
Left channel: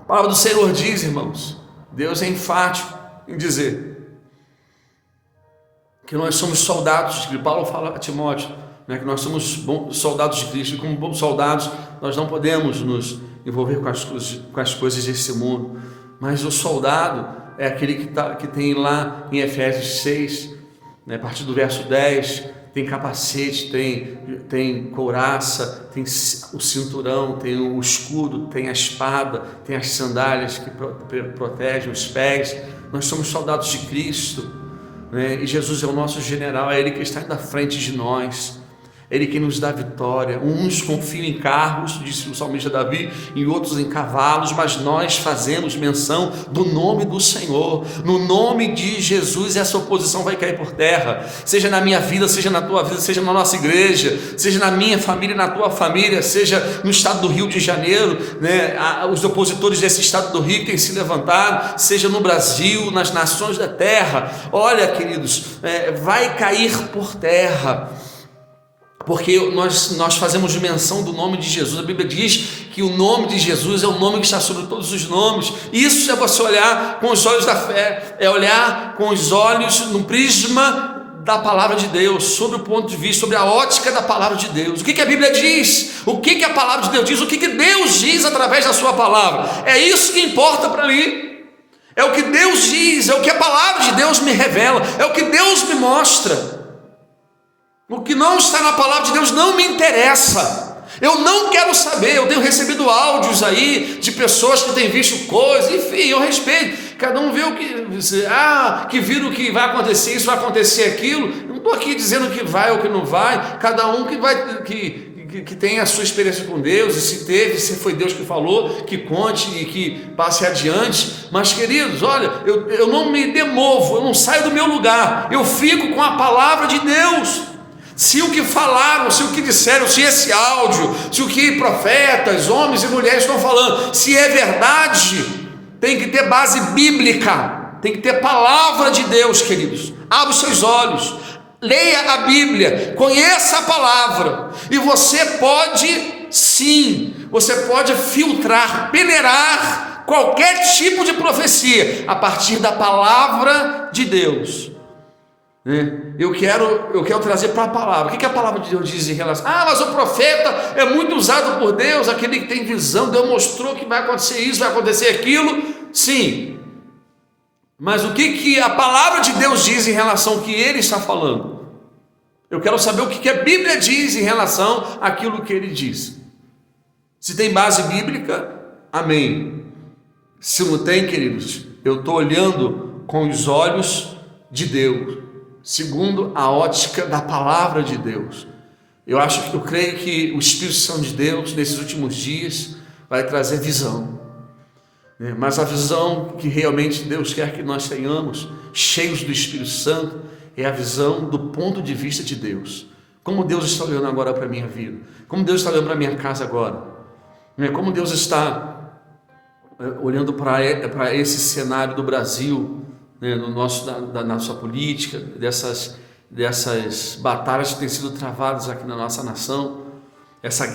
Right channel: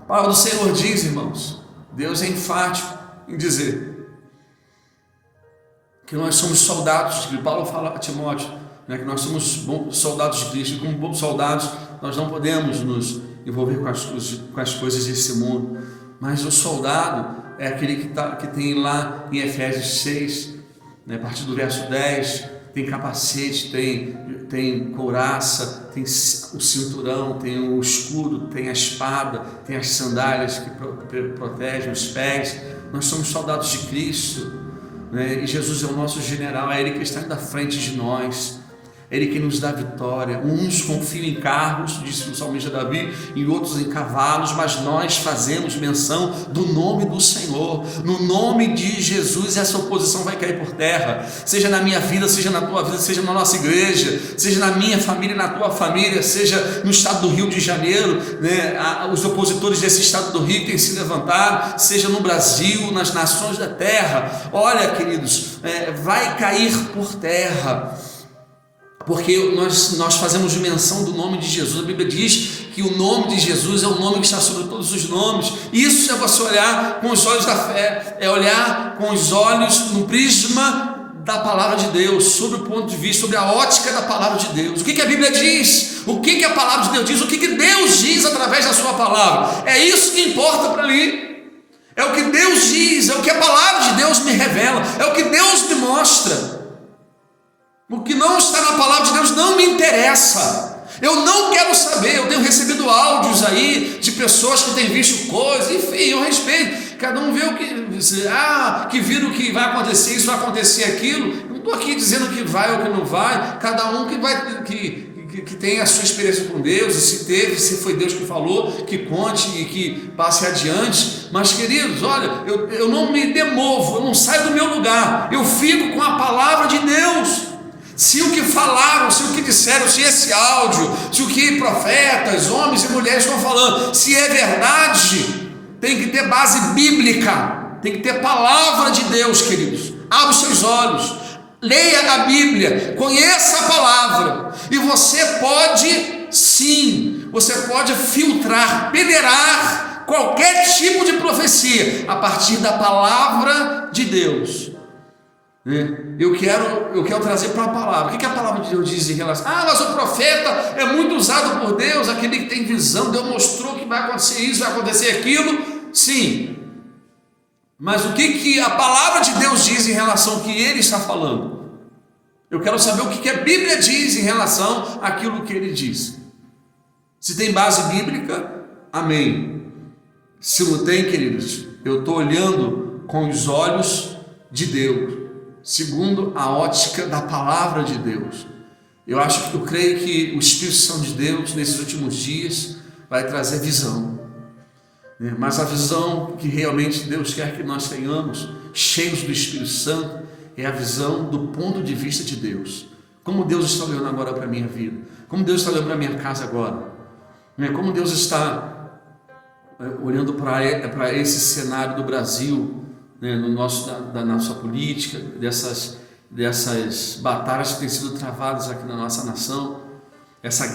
A palavra do Senhor diz, irmãos, Deus é enfático em dizer que nós somos soldados, que Paulo fala a Timóteo, né, que nós somos bons soldados de Cristo, e como bons soldados nós não podemos nos envolver com as coisas desse mundo, Mas o soldado é aquele que tem lá em Efésios 6, né, a partir do verso 10, tem capacete, tem couraça, tem o cinturão, tem o escudo, tem a espada, tem as sandálias que protegem os pés. Nós somos soldados de Cristo, né? E Jesus é o nosso general, é Ele que está indo à frente de nós. Ele que nos dá vitória. Uns confiam em carros, disse o salmista Davi, e outros em cavalos, mas nós fazemos menção do nome do Senhor. No nome de Jesus, essa oposição vai cair por terra, seja na minha vida, seja na tua vida, seja na nossa igreja, seja na minha família, na tua família, seja no estado do Rio de Janeiro, né? Os opositores desse estado do Rio têm se levantado, seja no Brasil, nas nações da terra. Olha, queridos, vai cair por terra, porque nós fazemos menção do nome de Jesus. A Bíblia diz que o nome de Jesus é o nome que está sobre todos os nomes. Isso é você olhar com os olhos da fé, é olhar com os olhos no prisma da palavra de Deus, sobre o ponto de vista, sobre a ótica da palavra de Deus. O que a Bíblia diz? O que a palavra de Deus diz? O que Deus diz através da sua palavra? É isso que importa para mim. É o que Deus diz, é o que a palavra de Deus me revela, é o que Deus me mostra. O que não está na palavra de Deus não me interessa. Eu não quero saber. Eu tenho recebido áudios aí de pessoas que têm visto coisas, enfim, eu respeito. Cada um vê o que viram que vai acontecer isso, vai acontecer aquilo. Eu não estou aqui dizendo que vai ou que não vai. Cada um que tem a sua experiência com Deus, e se teve, se foi Deus que falou, que conte e que passe adiante. Mas, queridos, olha, eu não me demovo, eu não saio do meu lugar. Eu fico com a palavra de Deus. Se o que falaram, se o que disseram, se esse áudio, se o que profetas, homens e mulheres estão falando, se é verdade, tem que ter base bíblica, tem que ter palavra de Deus, queridos. Abra os seus olhos, leia a Bíblia, conheça a palavra, e você pode, sim, você pode filtrar, peneirar qualquer tipo de profecia a partir da palavra de Deus. Eu quero trazer para a palavra. O que a palavra de Deus diz em relação? Mas o profeta é muito usado por Deus, aquele que tem visão. Deus mostrou que vai acontecer isso, vai acontecer aquilo. Sim, mas o que a palavra de Deus diz em relação ao que ele está falando? Eu quero saber o que a Bíblia diz em relação àquilo que ele diz. Se tem base bíblica, amém. Se não tem, queridos, eu estou olhando com os olhos de Deus, segundo a ótica da palavra de Deus. Eu creio que o Espírito Santo de Deus, nesses últimos dias, vai trazer visão. Mas a visão que realmente Deus quer que nós tenhamos, cheios do Espírito Santo, é a visão do ponto de vista de Deus. Como Deus está olhando agora para a minha vida, como Deus está olhando para a minha casa agora, como Deus está olhando para esse cenário do Brasil, da nossa política, dessas batalhas que têm sido travadas aqui na nossa nação, essa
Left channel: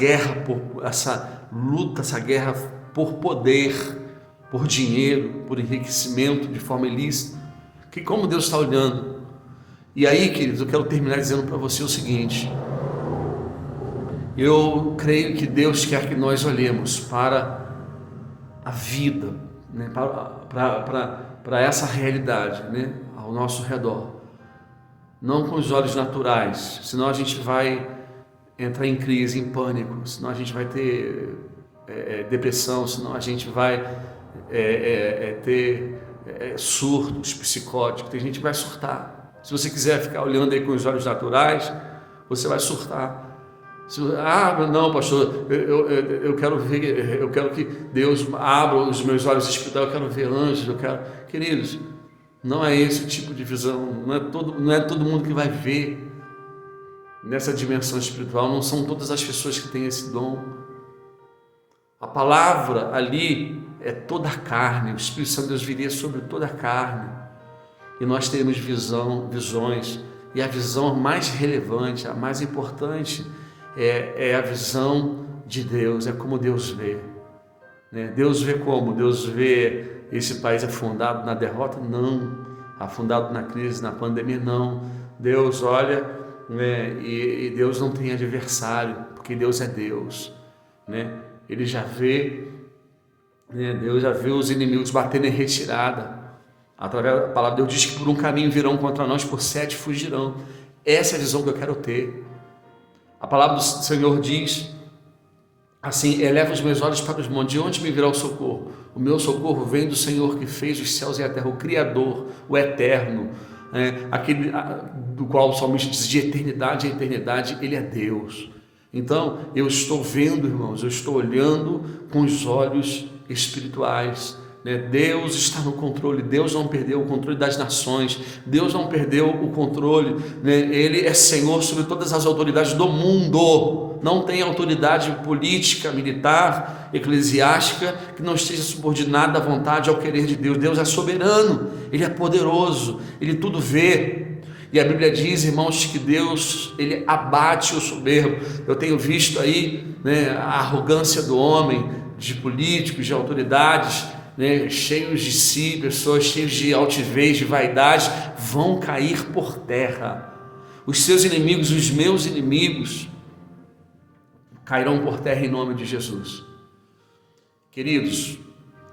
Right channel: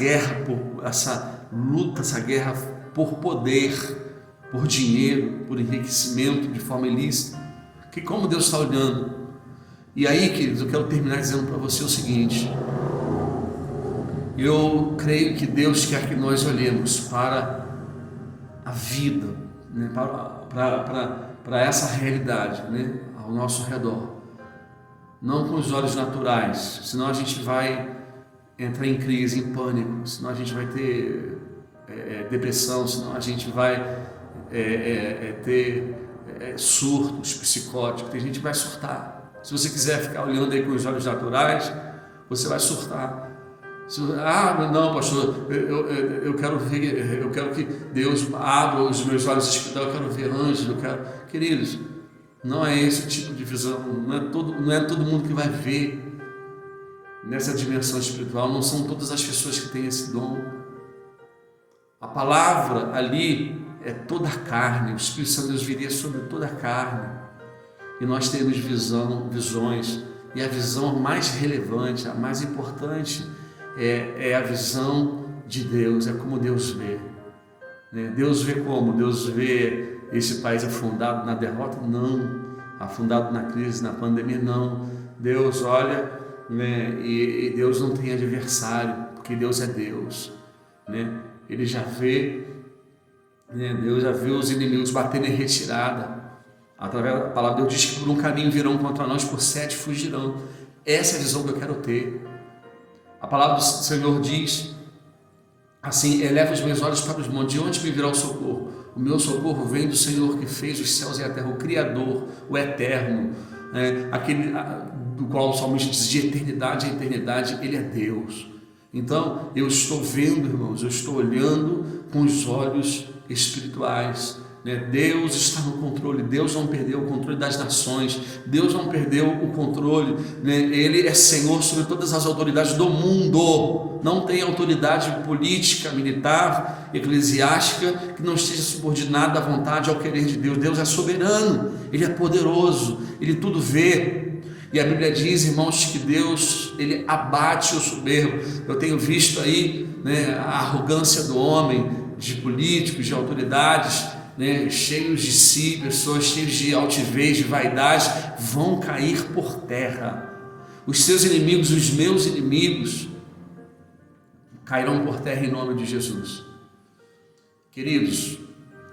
luta, essa guerra por poder, por dinheiro, por enriquecimento de forma ilícita, que como Deus está olhando. E aí, queridos, eu quero terminar dizendo para você o seguinte: eu creio que Deus quer que nós olhemos para a vida, para essa realidade, ao nosso redor, não com os olhos naturais, senão a gente vai entrar em crise, em pânico, senão a gente vai ter depressão, senão a gente vai ter surtos psicóticos, tem gente que vai surtar. Se você quiser ficar olhando aí com os olhos naturais, você vai surtar. Não, pastor, eu quero ver, eu quero que Deus abra os meus olhos espirituais, eu quero ver anjos, Queridos, não é esse tipo de visão, não é todo mundo que vai ver nessa dimensão espiritual, não são todas as pessoas que têm esse dom. A palavra ali é toda a carne, o Espírito Santo de Deus viria sobre toda a carne, e nós teremos visões, e a visão mais relevante, a mais importante, é a visão de Deus, é como Deus vê. Deus vê como? Deus vê esse país afundado na derrota? Não. Afundado na crise, na pandemia? Não. Deus olha, e Deus não tem adversário, porque Deus é Deus. Ele já vê né? Deus já viu os inimigos batendo em retirada. Através da palavra, Deus diz que por um caminho virão contra nós, por 7 fugirão. Essa é a visão que eu quero ter. A palavra do Senhor diz assim: eleva os meus olhos para os montes, de onde me virá o socorro? O meu socorro vem do Senhor que fez os céus e a terra, o Criador, o Eterno, aquele do qual o salmista diz: de eternidade a eternidade, Ele é Deus. Então, eu estou vendo, irmãos, eu estou olhando com os olhos espirituais. Deus está no controle, Deus não perdeu o controle das nações, Deus não perdeu o controle, Ele é Senhor sobre todas as autoridades do mundo, não tem autoridade política, militar, eclesiástica que não esteja subordinada à vontade, ao querer de Deus. Deus é soberano, Ele é poderoso, Ele tudo vê. E a Bíblia diz, irmãos, que Deus, Ele abate o soberbo. Eu tenho visto aí a arrogância do homem, de políticos, de autoridades, cheios de si, pessoas cheias de altivez, de vaidade, vão cair por terra. Os seus inimigos, os meus inimigos, cairão por terra em nome de Jesus. Queridos,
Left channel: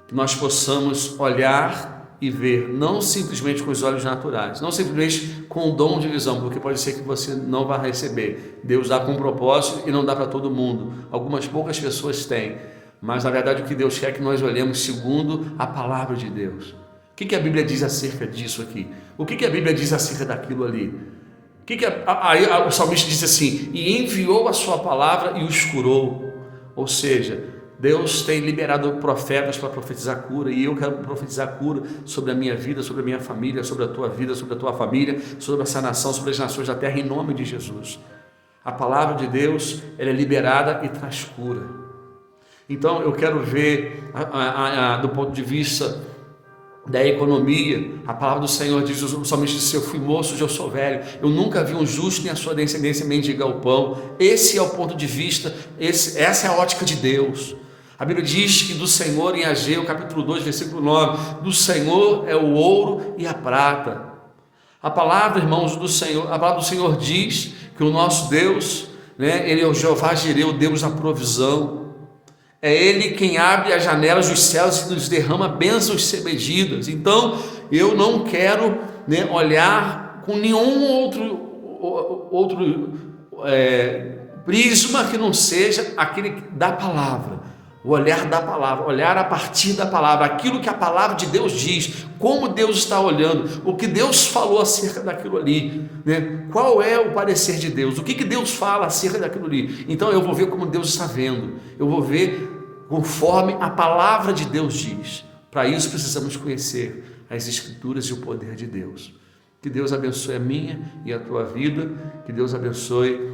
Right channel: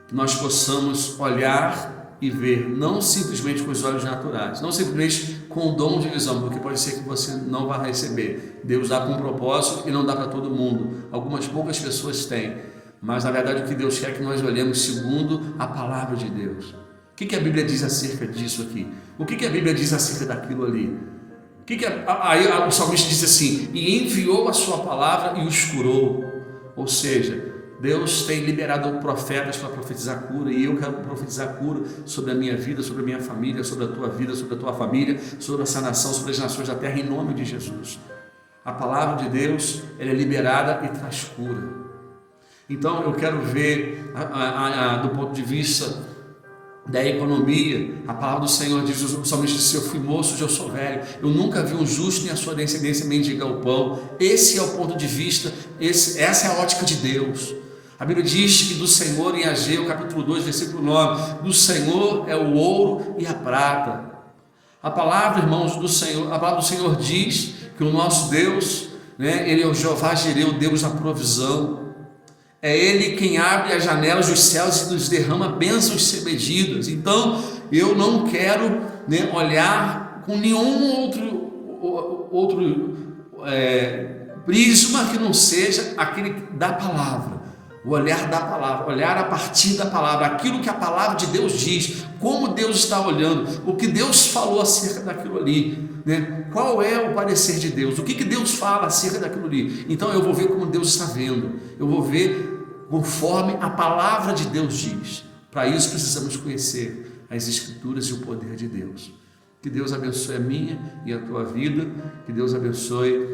que nós possamos olhar e ver, não simplesmente com os olhos naturais, não simplesmente com o dom de visão, porque pode ser que você não vá receber. Deus dá com um propósito e não dá para todo mundo. Algumas poucas pessoas têm, mas na verdade o que Deus quer é que nós olhemos segundo a palavra de Deus. O que a Bíblia diz acerca disso aqui? O que a Bíblia diz acerca daquilo ali? Aí o salmista diz assim: e enviou a sua palavra e os curou. Ou seja, Deus tem liberado profetas para profetizar cura, e eu quero profetizar cura sobre a minha vida, sobre a minha família, sobre a tua vida, sobre a tua família, sobre essa nação, sobre as nações da terra, em nome de Jesus. A palavra de Deus, ela é liberada e traz cura. Então eu quero ver do ponto de vista da economia. A palavra do Senhor diz, o salmista disse: eu fui moço, hoje eu sou velho, eu nunca vi um justo nem a sua descendência mendigar o pão. Esse é o ponto de vista, essa é a ótica de Deus. A Bíblia diz que do Senhor, em Ageu, capítulo 2, versículo 9, do Senhor é o ouro e a prata. A palavra, irmãos, do Senhor, a palavra do Senhor diz que o nosso Deus, Ele é o Jeová Jireh, o Deus da provisão. É Ele quem abre as janelas dos céus e nos derrama bênçãos sem medidas. Então, eu não quero olhar com nenhum outro prisma que não seja aquele da palavra. O olhar da palavra, olhar a partir da palavra, aquilo que a palavra de Deus diz, como Deus está olhando, o que Deus falou acerca daquilo ali, qual é o parecer de Deus, o que Deus fala acerca daquilo ali. Então eu vou ver como Deus está vendo, eu vou ver conforme a palavra de Deus diz. Para isso precisamos conhecer as Escrituras e o poder de Deus. Que Deus abençoe a minha e a tua vida, que Deus abençoe